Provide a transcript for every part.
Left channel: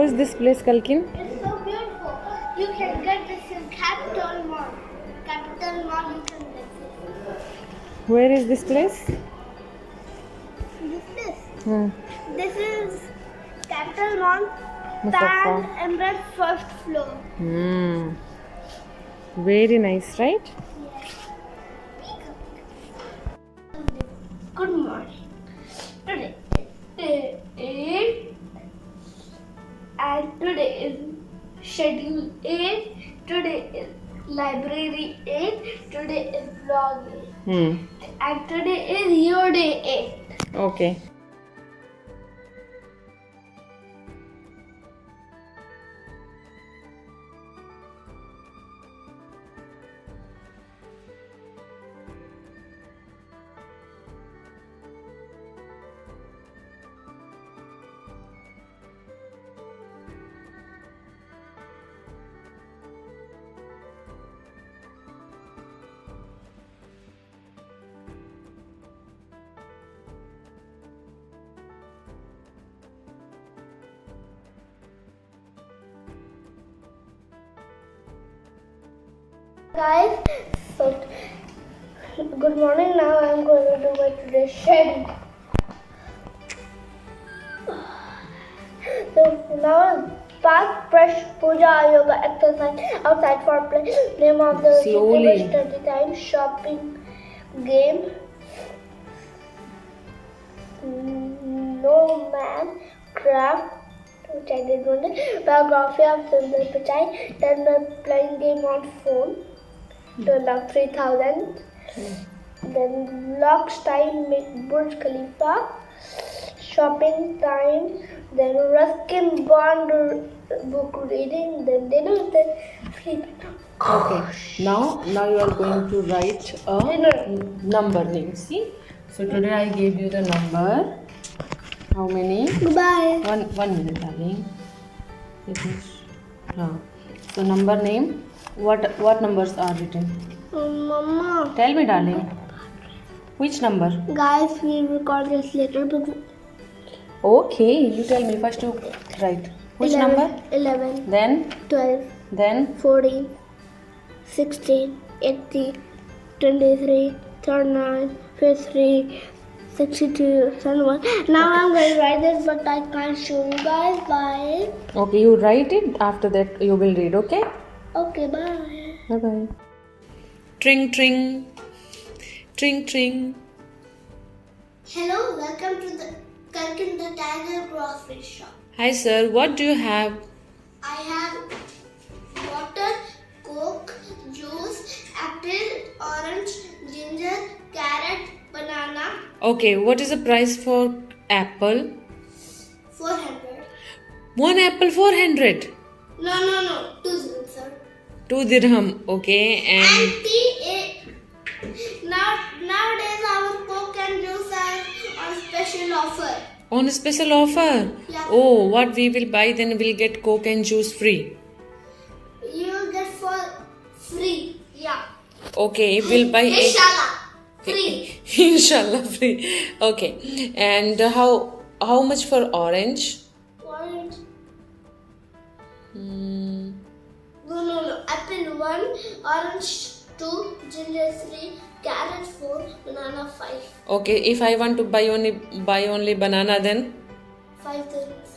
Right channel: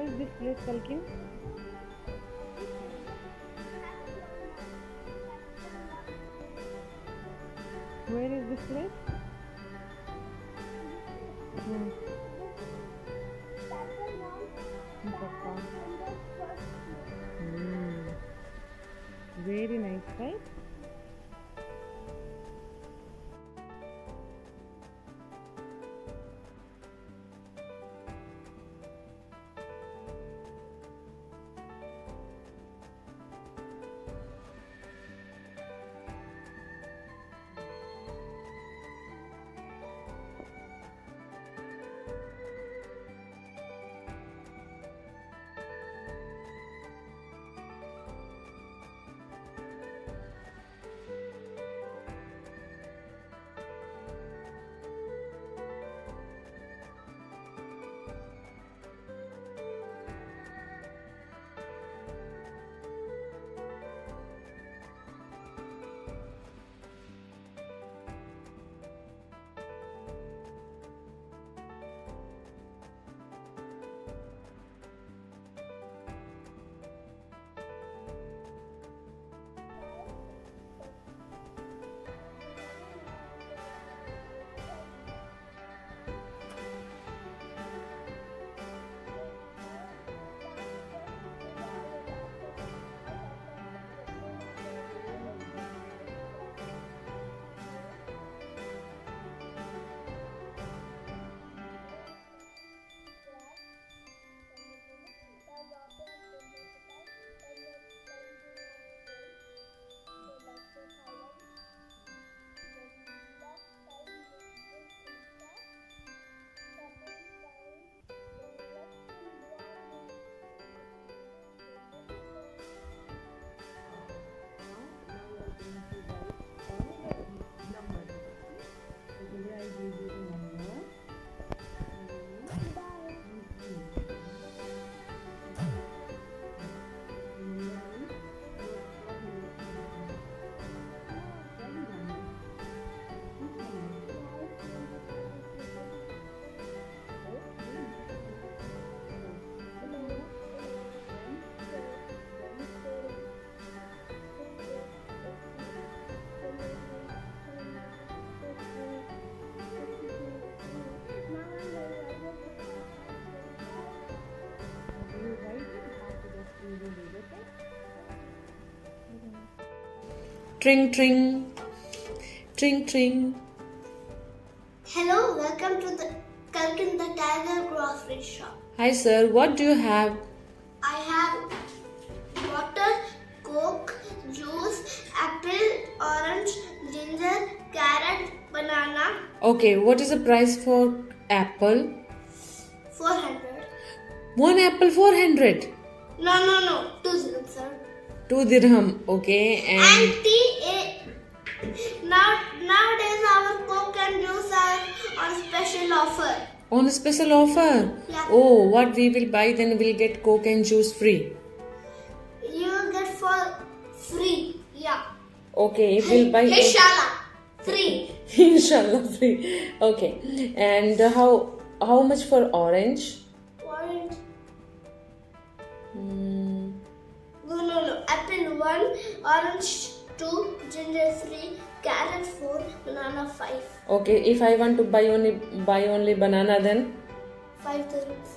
How is this place, Kalkin? It's so beautiful. You can get this in Capital Mall. Capital Mall, you can get this. Where is this place? This. This is Capital Mall, Mustafa. Pan Emerald first floor. Very nice, right? Good morning. Today is and today is schedule 8. Today is library 8. Today is vlog 8. And today is your day 8. Okay. Guys, so good morning. Now I'm going to do my today's schedule. So now bath, brush, puja, yoga, exercise, outside for play, name of the Slowly. study time, shopping, game, no man, craft, which I did one day, biography of Sundar Pichai, then playing game on phone. To log 3000, then vlogs time make Burj Khalifa, shopping time, then Ruskin Bond book reading, then dinner, then sleep. Okay. Now you are going to write a Dinner. number name. See? So today I gave you the number. How many? Goodbye. One minute, darling. So number name. What numbers are written? Mama. Tell me, darling. Which number? Guys, we'll record this later. But Okay, you tell me. First you write. Which 11, number? 11, Then 12, then 14, 16, 18, 23, 39, 53, 62, 71. Now I'm going to write this, but I can't show you guys. Bye. okay, you write it. After that you will read. Okay. Okay, bye. Bye bye. Tring tring. Tring tring. Hello, welcome to the Kalkin the Tiger grocery shop. Hi sir, what do you have? I have water, coke, juice, apple, orange, ginger, carrot, banana. Okay, what is the price for apple? 400. One apple 400. No. 2 0, sir. 2 dirham. Okay, and Nowadays our coke and juice are on special offer. on a special offer. Yeah. Oh, what we will buy then we'll get Coke and juice free. You get for free. Yeah. Okay, we'll buy Inshallah. Free. Inshallah free. Okay, and how much for orange? Orange. No. Apple 1, orange 2, ginger 3, carrot 4, banana 5. Okay, if I want to buy only banana, then 5 dirhams.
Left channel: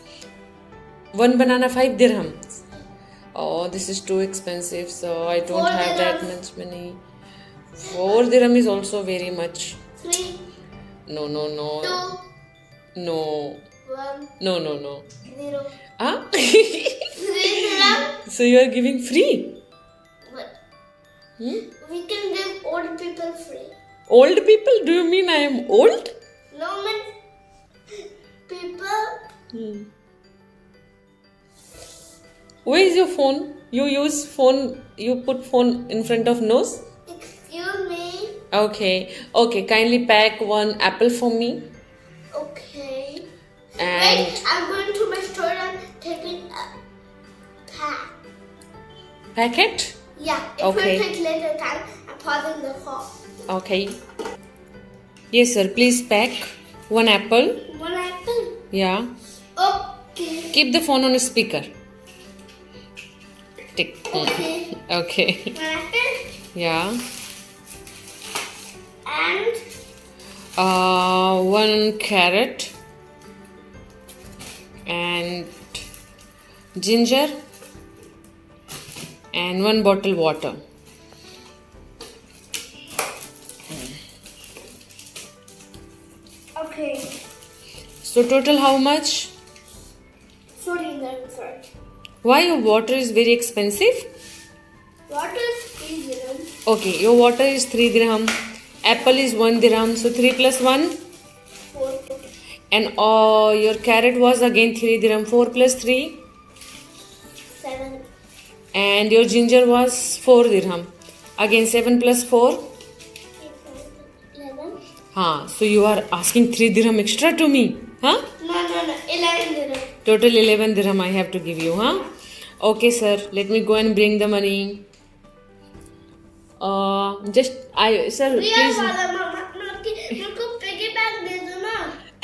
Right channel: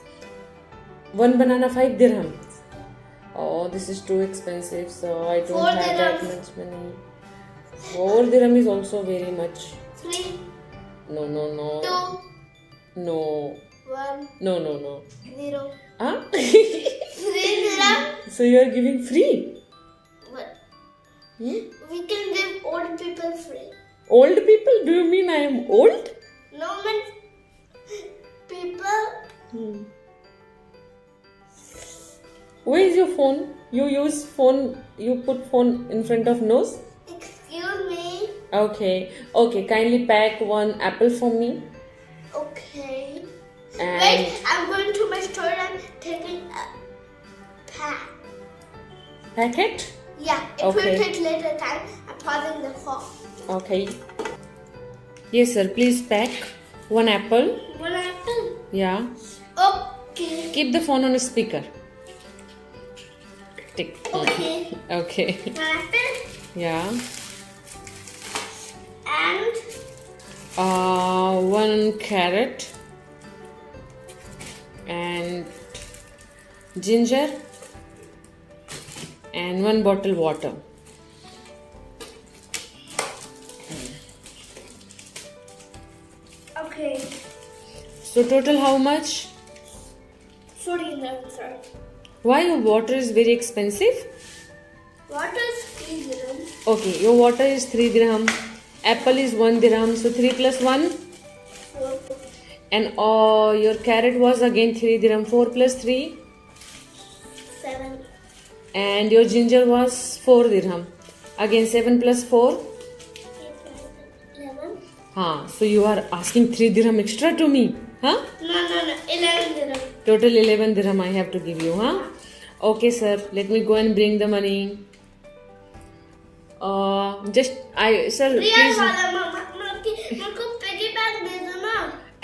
one banana 5 dirhams. Oh, this is too expensive, so I don't 4 have that dirhams. much money. 4 dirham is also very much. 3, No. 2, No. 1, No. 0. Ah? 3 dirham. So you are giving free? What? Hmm? We can give old people free. Old people? Do you mean I am old? No, man. People. Where is your phone? You use phone, you put phone in front of nose? Excuse me. Okay, kindly pack one apple for me. Okay. And Wait, I'm going to my store and taking a pack. packet? Yeah, it Okay. will take later time. I'm pausing the call. Okay. Yes, sir. Please pack one apple. One apple. Yeah. Oh, Okay. Keep the phone on speaker. Tick. Okay. Okay. An apple Yeah. and 1 carrot and ginger and 1 bottle water. okay. So total how much? 14 sorry. Why your water is very expensive? What is 3 dirhams? Okay, your water is 3 dirham. Apple is 1 dirham. So 3 plus 1. 4. And your carrot was again 3 dirham. 4 plus 3. 7. And your ginger was 4 dirham. Again 7 plus 4. 8, 9, 11. So you are asking 3 dirham extra to me. Huh? No. 11 dirhams. Total 11 dirham I have to give you. Huh? Okay, sir. Let me go and bring the money. Sir, real please. वाला मम्मा मुझको piggy bank दे दो ना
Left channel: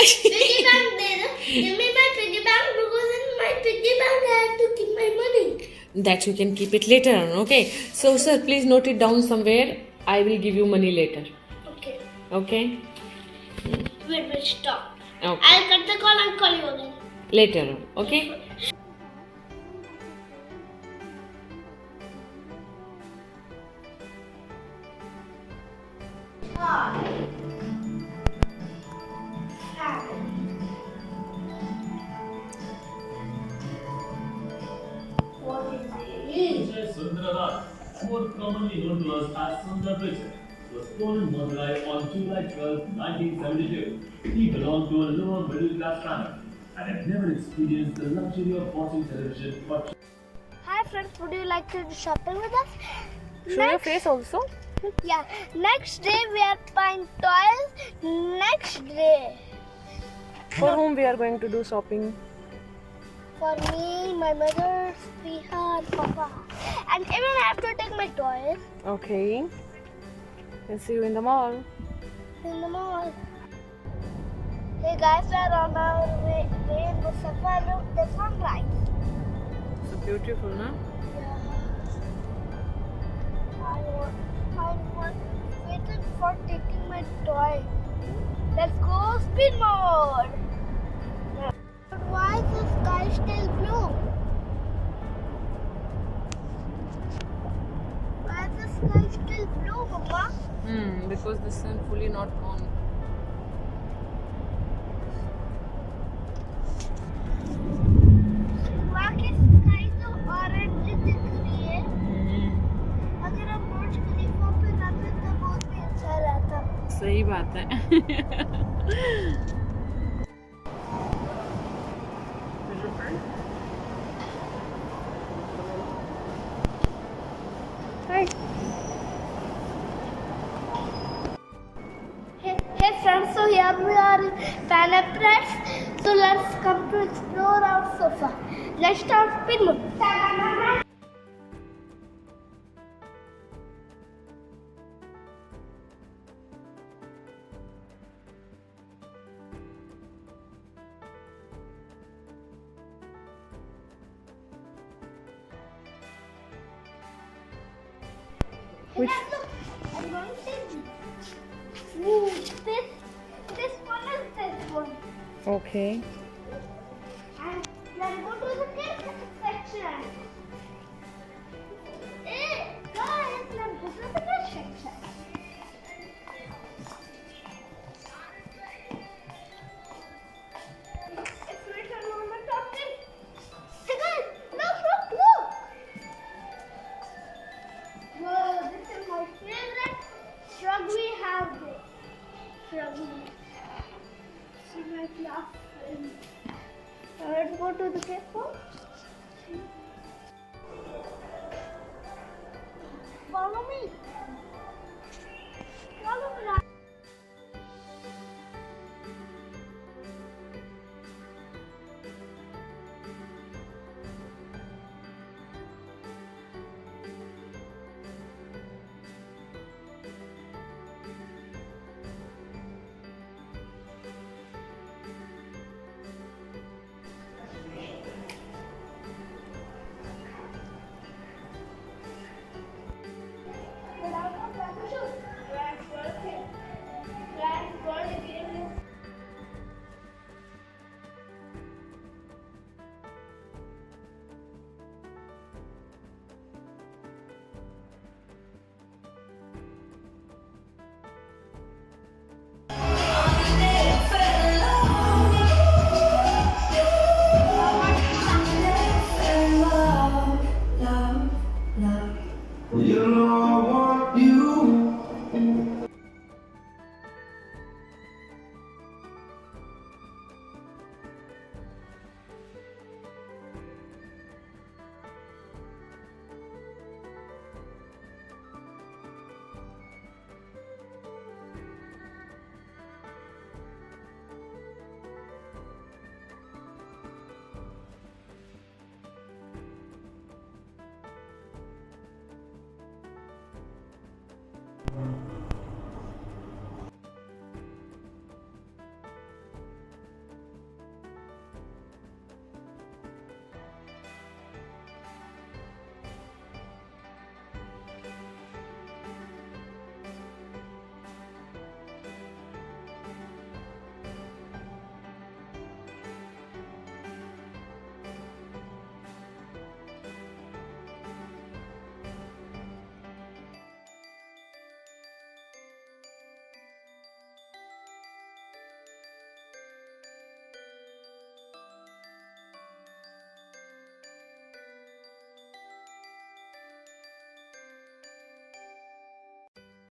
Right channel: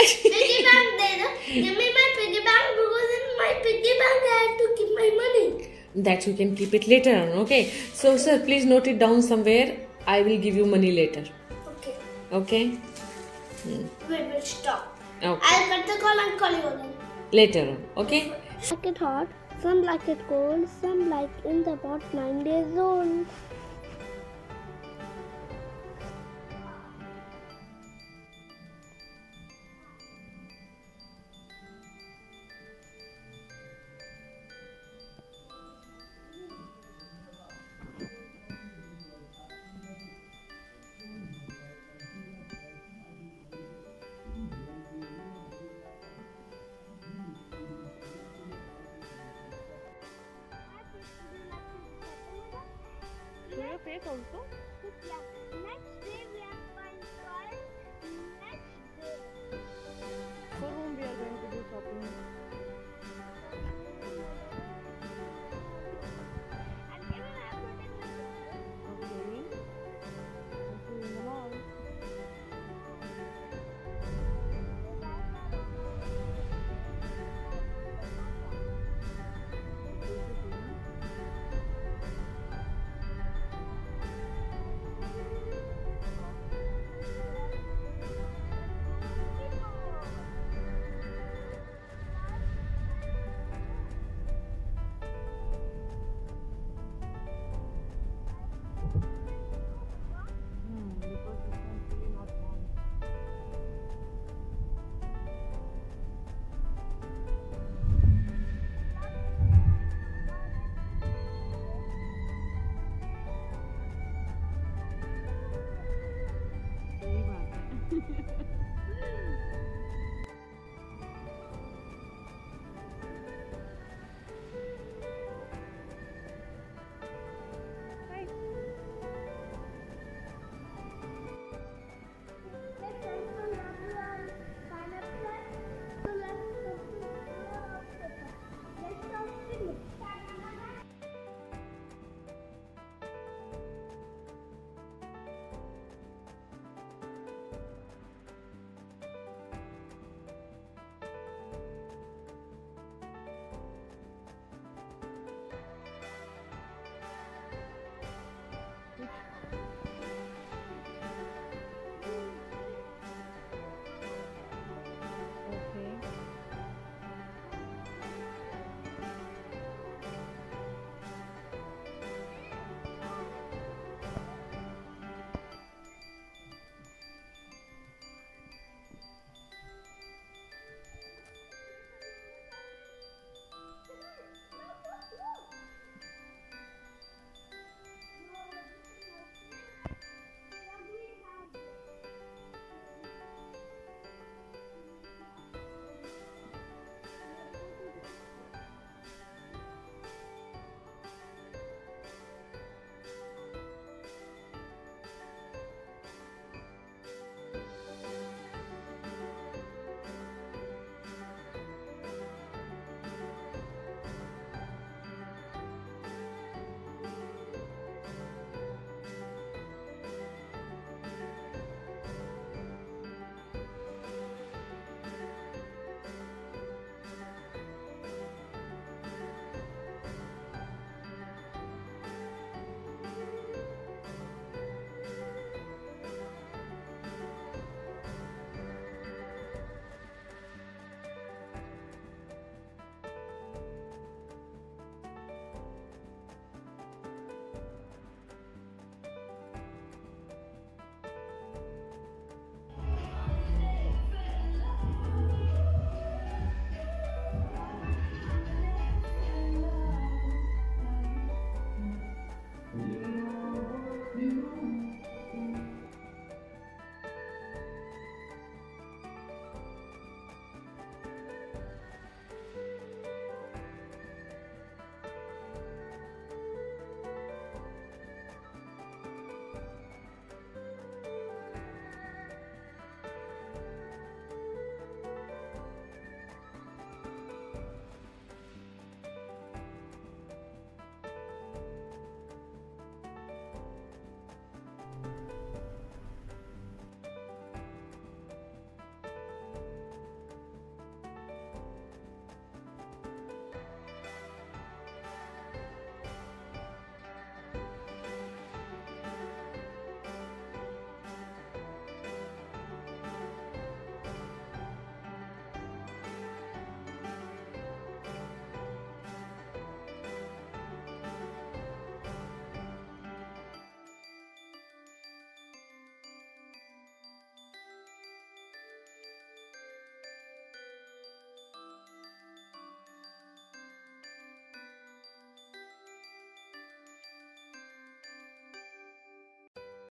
piggy bank दे दो give me my piggy bank because in my piggy bank I have to keep my money. That you can keep it later on. Okay. So, sir, please note it down somewhere. I will give you money later. Okay. Okay. Wait, stop. Okay. I'll cut the call and call you again. Later on. Okay. Like it hot, some like it cold, some like in the about 9 days old. What is it? Sundaranath, more commonly known to us as Sundar Pichai, was born in Madurai on July 12, 1972. He belonged to a lower middle class family and had never experienced the luxury of watching television but Hi friends, would you like to do shopping with us? Show your face also. Yeah, next day we are buying toys. Next day. For whom we are going to do shopping? For me, my mother, Sriha, and Papa. And even I have to take my toys Okay. And see you in the mall. in the mall. Hey guys, we are on our way in the safari. Look, the sunrise. So beautiful, na? I was waiting for taking my toy. Let's go spin mode. But why is the sky still blue? Why is the sky still blue, Mama? Because the sun fully not gone. Why is sky so orange दिख रही है? अगर हम बुर्ज खलीफा पे रहते तो बहुत ही अच्छा रहता. सही बात है. Hey friends, so here we are in Panda Press. So let's come to explore our sofa. Let's start spin mode. Which? Ooh, this one is this one. Okay.